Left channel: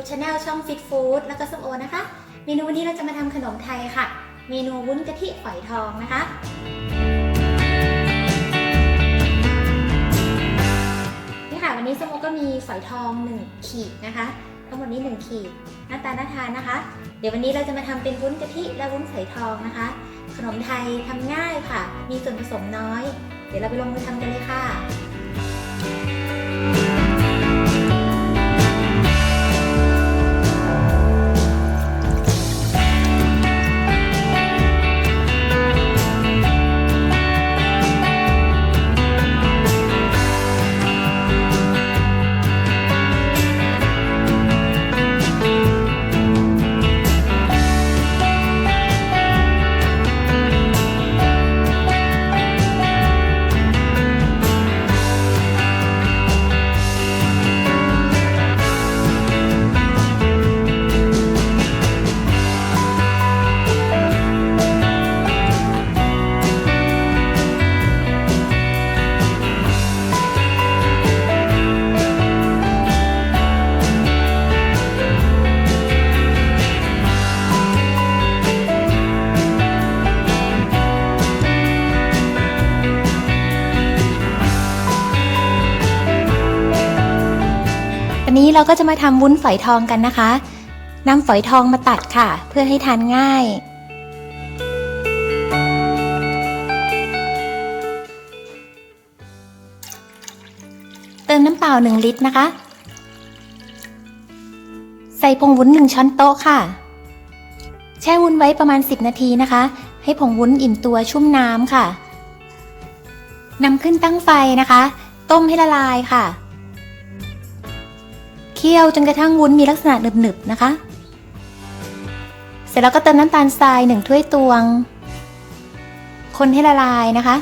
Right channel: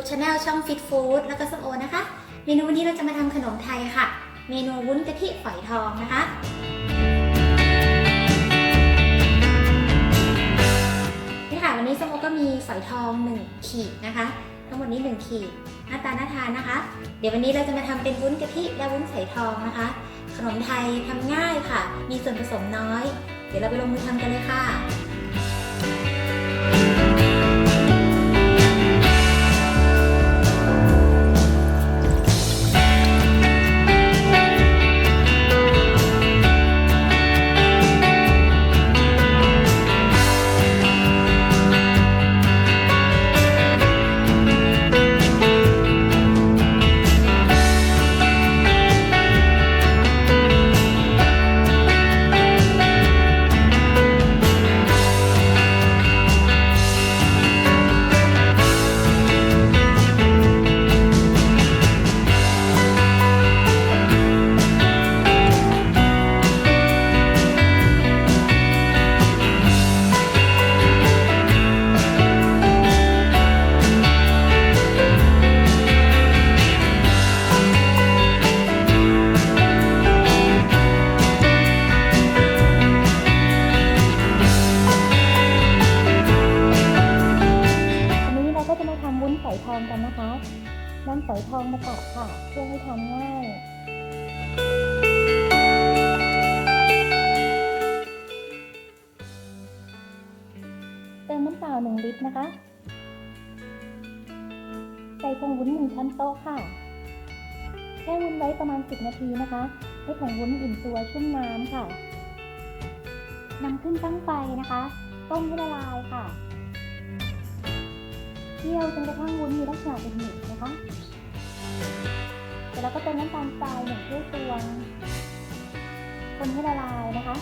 ฟิตฟู้ดแล้วก็ส้มโอนะคะ เมนูวันนี้เราจะมาทำขนมไทยค่ะ เมนูวุ้นกะทิฝอยทองนะคะ นี่ค่ะวันนี้ส้มโอก็มีฝอยทอง 1 ขีดนะคะ ทั้งหมดนี้ 1 ขีด หน้าตาน่าทานนะคะ เดี๋ยววันนี้เราจะมาทำเป็นวุ้นกะทิและวุ้นฝอยทองนะคะ ขนมไทยทำง่ายค่ะ มีส่วนผสมน้อย เดี๋ยวเราไปลงมือทำกันเลยค่ะ นี้เราก็จะมาทำวุ้นฝอยทองกันนะคะนำฝอยทองมาตัดค่ะ เพื่อให้ทานง่าย เติมน้ำเปล่า 1 ลิตรนะคะ ใส่ผงวุ้น 1 ช้อนโต๊ะค่ะ แช่วุ้นไว้ประมาณ 10 นาทีนะคะ ให้ผงวุ้นอิ่มตัวชุ่มน้ำค่ะนำขึ้นตั้งไฟนะคะ ต้มให้ละลายค่ะ เคี่ยวจนกระทั่งวุ้นมีลักษณะหนึบๆนะคะ เสร็จแล้วก็เติมน้ำตาลทรายหนึ่งถ้วยตวง คนให้ละลายนะคะ